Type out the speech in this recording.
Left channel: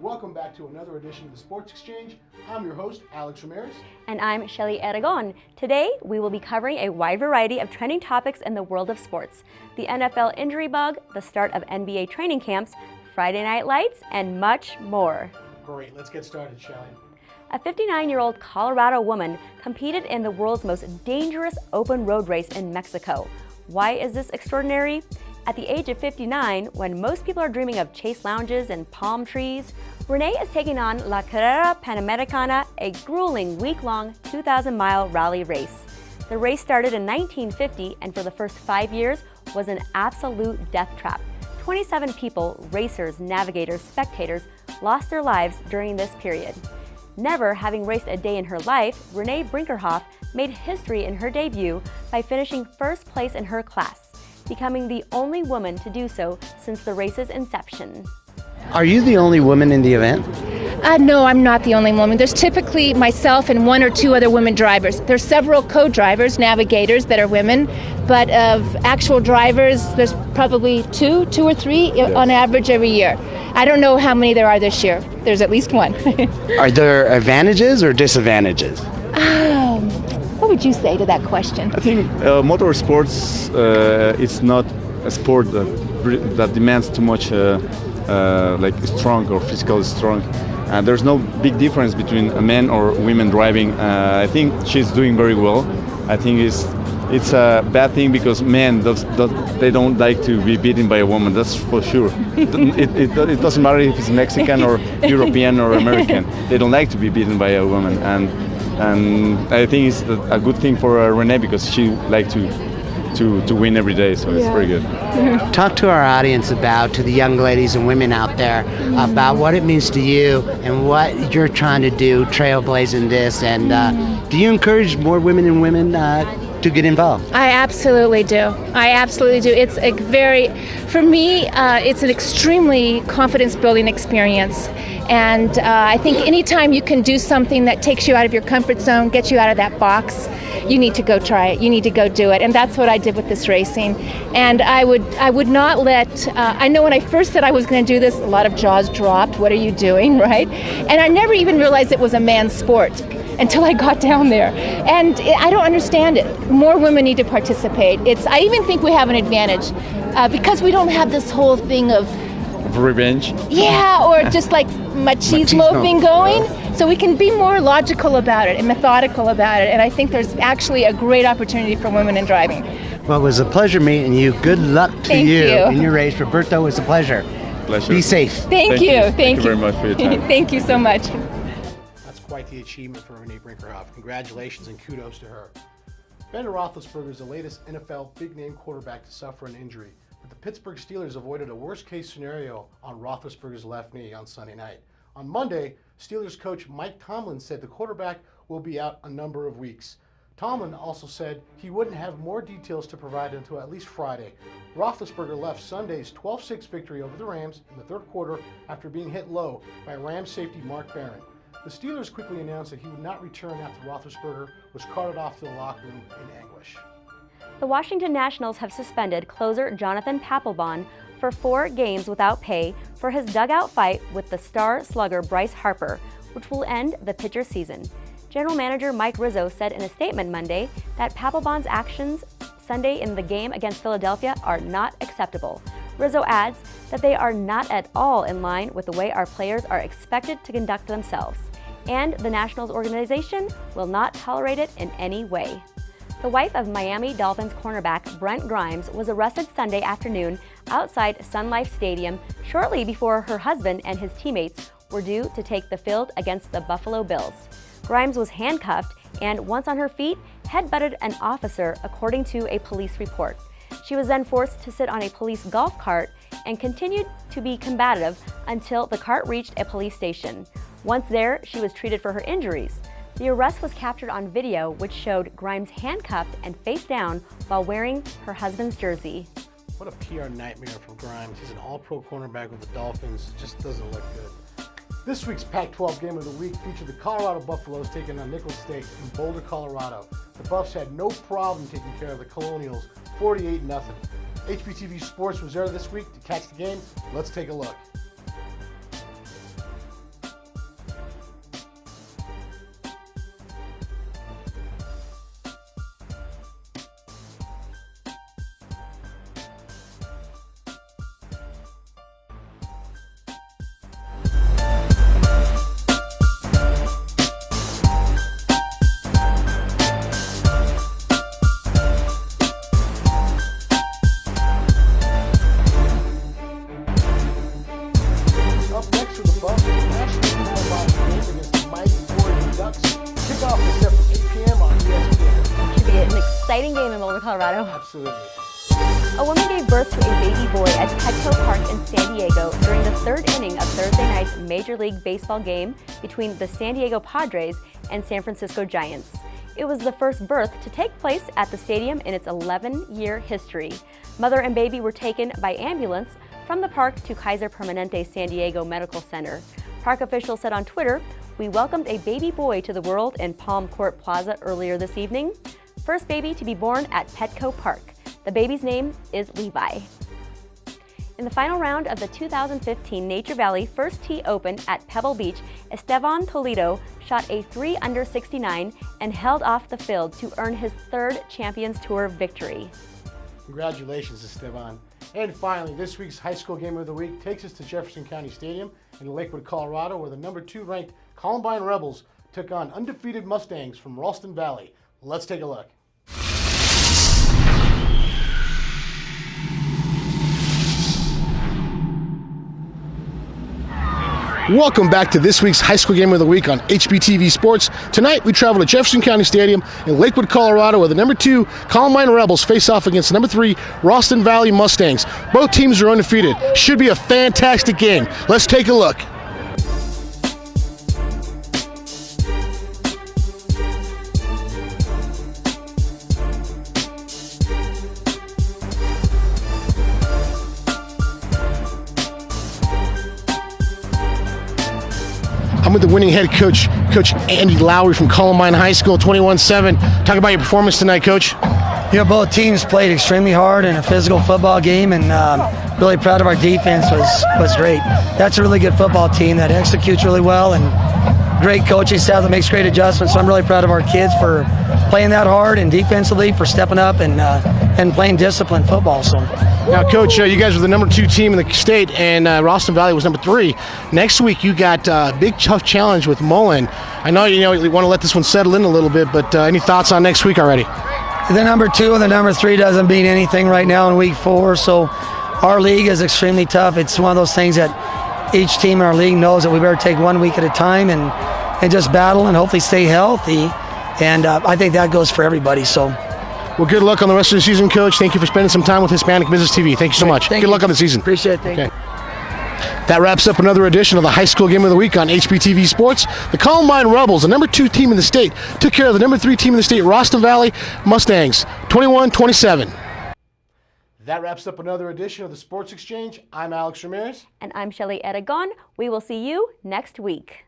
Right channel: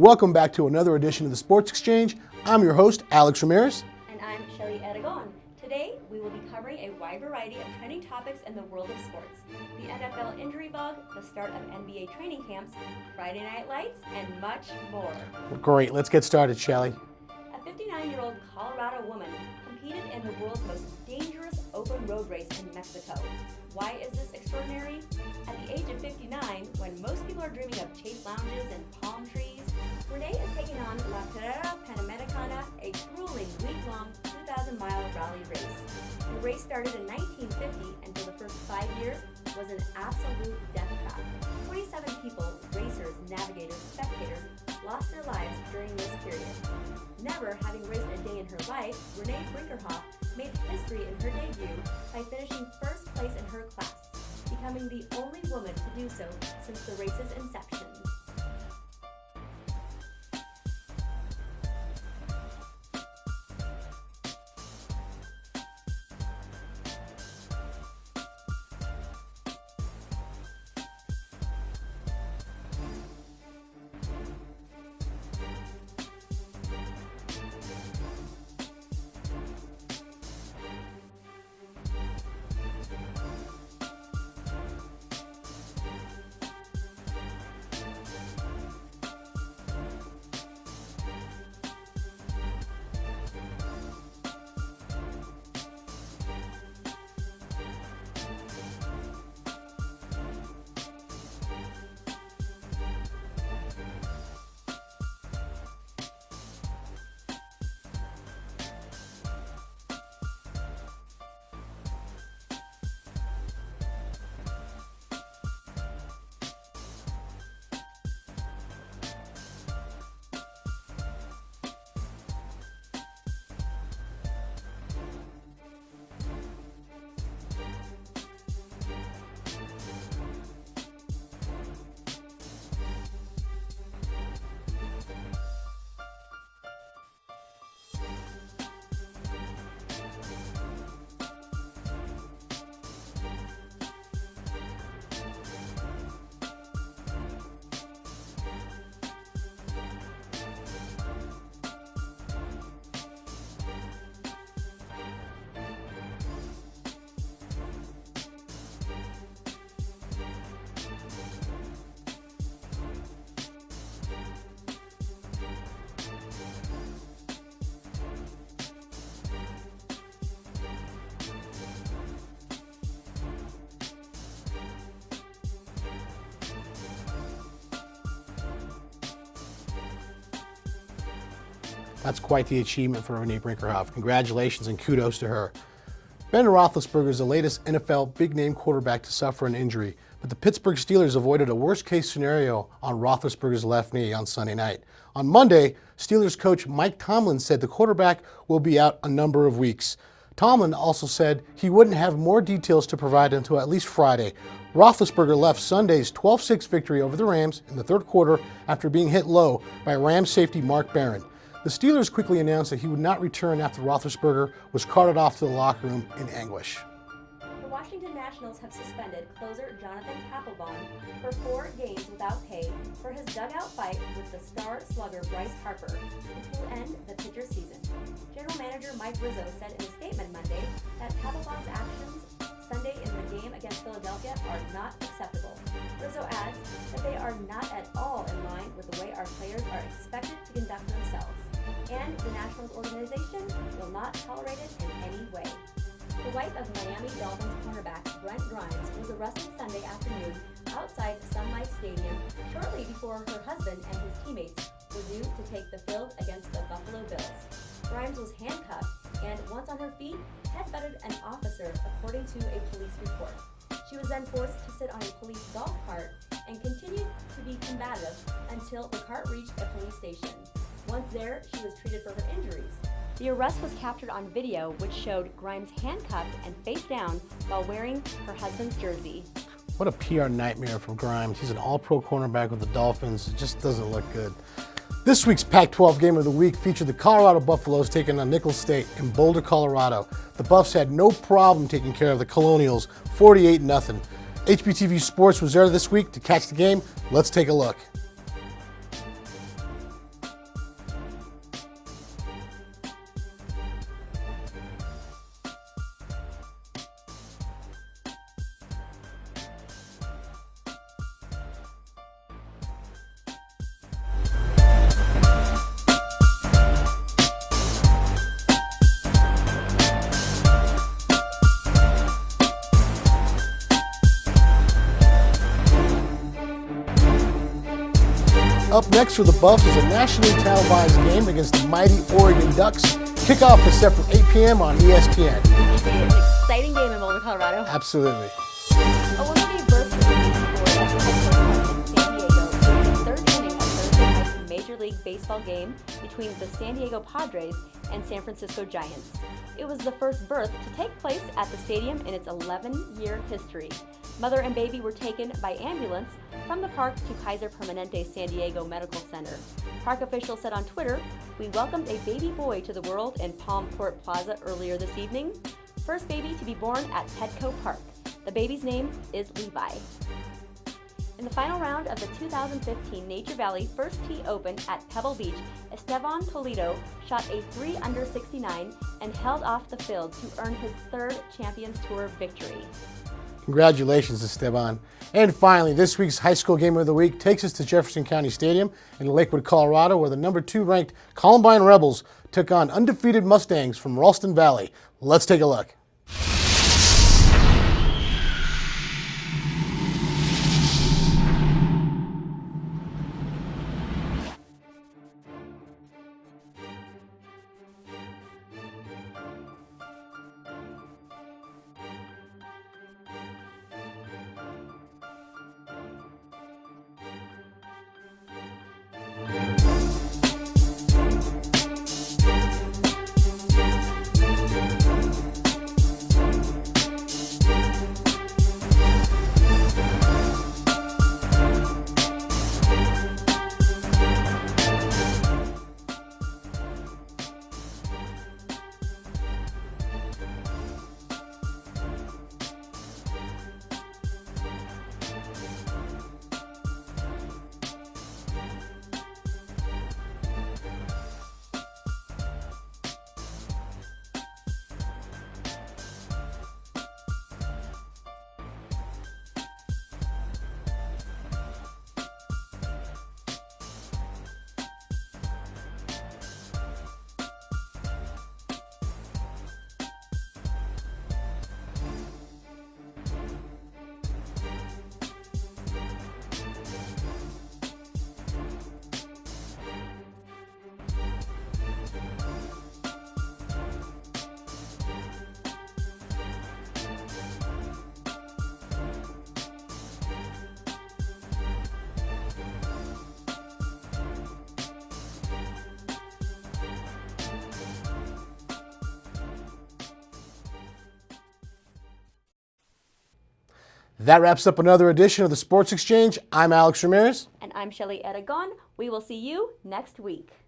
Welcome back to another edition of the Sports Exchange. I'm your host, Alex Ramirez. And I'm Shelley Aragon. Today, we will be covering a wide variety of trending topics in the world of sports. The NFL injury bug, the start of NBA training camps, Friday Night Lights, and much more. Great, let's get started, Shelley. A 59-year-old Colorado woman competed in the world's most dangerous open road race in Mexico. Why is this extraordinary? At the age of 59, when most people are dreaming of chase lounges and palm trees, Renee is taking on La Carrera Panamericana, a grueling week-long 2,000-mile rally race. The race started in 1950 and for the first 5 years was an absolute death trap. 27 people, racers, navigators, spectators, lost their lives during this period. Never having raced a day in her life, Renee Brinkerhoff made history in her debut by finishing first place in her class, becoming the only woman to do so since the race's inception. Are you the only woman in the event? No, I'm not the only woman. There's typically myself and one or two other women drivers. There's several co-drivers, navigators that are women, but of actual drivers, there's probably two or three on average every year. I don't know how many there are this year. There's at least one. Are there advantages or disadvantages? What would you say to that question? I think motorsports, it's not a sport that demands too much like strong or physical strong. There's no big difference between a man or women driving. I think she's doing very well. I think it's a bad thing because men they don't like to be beaten by a woman. That's for sure. It doesn't matter if it's Mexican or European or American. They don't like to be beaten by a woman, and I think it's a good thing for Renee because she likes to win every day, so it's very good. Talk to our audience to the young ladies and women out there about what it means to you and what you're trying to do, trailblazing this, and do you encourage more women and women to get involved? I absolutely do. It's for me, it's an extremely confidence-building experience. And I think anytime you can do something that takes you out of your comfort zone, gets you out of that box, you need to go try it. You need to go do it. And that's what I did with this racing. And I would not let, I know when I first said I was going to do this, a lot of jaws dropped. What are you doing, right? And I never even realized it was a man's sport until I got down there. And I don't understand it. More women need to participate. I even think we have an advantage because we don't have this whole thing of revenge. Yeah, or just like machismo thing going. So we can be more logical about it and methodical about it. And I think there's actually a great opportunity for women in driving. Well, it was a pleasure meeting you. Good luck to you in your race. Roberto, it was a pleasure. Be safe. Thank you. Thank you very much for your time. Thank you so much. That's quite the achievement for Renee Brinkerhoff. Congratulations and kudos to her. Ben Roethlisberger is the latest NFL big-name quarterback to suffer an injury, but the Pittsburgh Steelers avoided a worst-case scenario on Roethlisberger's left knee on Sunday night. On Monday, Steelers coach Mike Tomlin said the quarterback will be out a number of weeks. Tomlin also said he wouldn't have more details to provide until at least Friday. Roethlisberger left Sunday's 12-6 victory over the Rams in the third quarter after being hit low by Rams safety Mark Barron. The Steelers quickly announced that he would not return after Roethlisberger was carted off to the locker room in anguish. The Washington Nationals have suspended closer Jonathan Papelbon for 4 games without pay for his dugout fight with the star slugger Bryce Harper, which will end the pitcher's season. General Manager Mike Rizzo said in a statement Monday that Papelbon's actions Sunday in the game against Philadelphia are not acceptable. Rizzo adds that they are not at all in line with the way our players are expected to conduct themselves, and the Nationals organization will not tolerate it in any way. The wife of Miami Dolphins cornerback Brent Grimes was arrested Sunday afternoon outside Sun Life Stadium shortly before her husband and his teammates were due to take the field against the Buffalo Bills. Grimes was handcuffed and, once on her feet, headbutted an officer, according to a police report. She was then forced to sit on a police golf cart and continued to be combative until the cart reached a police station. Once there, she was treated for her injuries. The arrest was captured on video, which showed Grimes handcuffed and face down while wearing her husband's jersey. What a PR nightmare for Grimes. He's an all-pro cornerback with the Dolphins. It just doesn't look good. This week's Pac-12 Game of the Week featured the Colorado Buffaloes taking on Nicholls State in Boulder, Colorado. The Buffs had no problem taking care of the Colonials, 48-0. HBTV Sports was there this week to catch the game. Let's take a look. Next for the Buffs is a nationally televised game against the mighty Oregon Ducks. Kickoff is set for 8 p.m. on ESPN. Should be an exciting game in Boulder, Colorado. Absolutely. A woman gave birth to a baby boy at Petco Park in San Diego during the third inning of Thursday night's Major League Baseball game between the San Diego Padres and San Francisco Giants. It was the first birth to take place at the stadium in its 11-year history. Mother and baby were taken by ambulance from the park to Kaiser Permanente San Diego Medical Center. Park officials said on Twitter, "We welcomed a baby boy to the world in Palm Court Plaza earlier this evening. First baby to be born at Petco Park. The baby's name is Levi." In the final round of the 2015 Nature Valley First Tee Open at Pebble Beach, Esteban Toledo shot a 3 under 69 and held off the field to earn his third Champions Tour victory. Congratulations, Esteban. And finally, this week's high school game of the week takes us to Jefferson County Stadium in Lakewood, Colorado, where the number 2 ranked Columbine Rebels took on undefeated Mustangs from Ralston Valley. Let's take a look. Welcome back to this week's high school game of the week on HBTV Sports. Tonight we travel to Jefferson County Stadium in Lakewood, Colorado, where the number 2 Columbine Rebels face off against number 3 Ralston Valley Mustangs. Both teams are undefeated. Should be a fantastic game. Let's take a look. I'm with the winning head coach, Coach Andy Lowry from Columbine High School, 21-7. Talk about your performance tonight, Coach. You know, both teams played extremely hard in a physical football game, and really proud of our defense. Was great. That's a really good football team that executes really well, and great coaching staff that makes great adjustments. So I'm really proud of our kids for playing that hard, and defensively for stepping up and playing disciplined football. So. Now, Coach, you guys were the number 2 team in the state, and Ralston Valley was number 3. Next week, you got a big, tough challenge with Mullen. I know you want to let this one settle in a little bit, but any thoughts on next week already? The number 2 and the number 3 doesn't mean anything right now in week 4, so our league is extremely tough. It's one of those things that each team in our league knows that we better take one week at a time and just battle and hopefully stay healthy, and I think that goes for everybody. So. Well, good luck on the rest of the season, Coach. Thank you for spending some time with Hispanic Business TV. Thank you so much. Good luck on the season. Appreciate it. Thank you. That wraps up another edition of the High School Game of the Week on HBTV Sports. The Columbine Rebels, the number 2 team in the state, took care of the number 3 team in the state, Ralston Valley Mustangs, 21-27. That wraps up another edition of the Sports Exchange. I'm Alex Ramirez. And I'm Shelley Aragon. We will see you next week.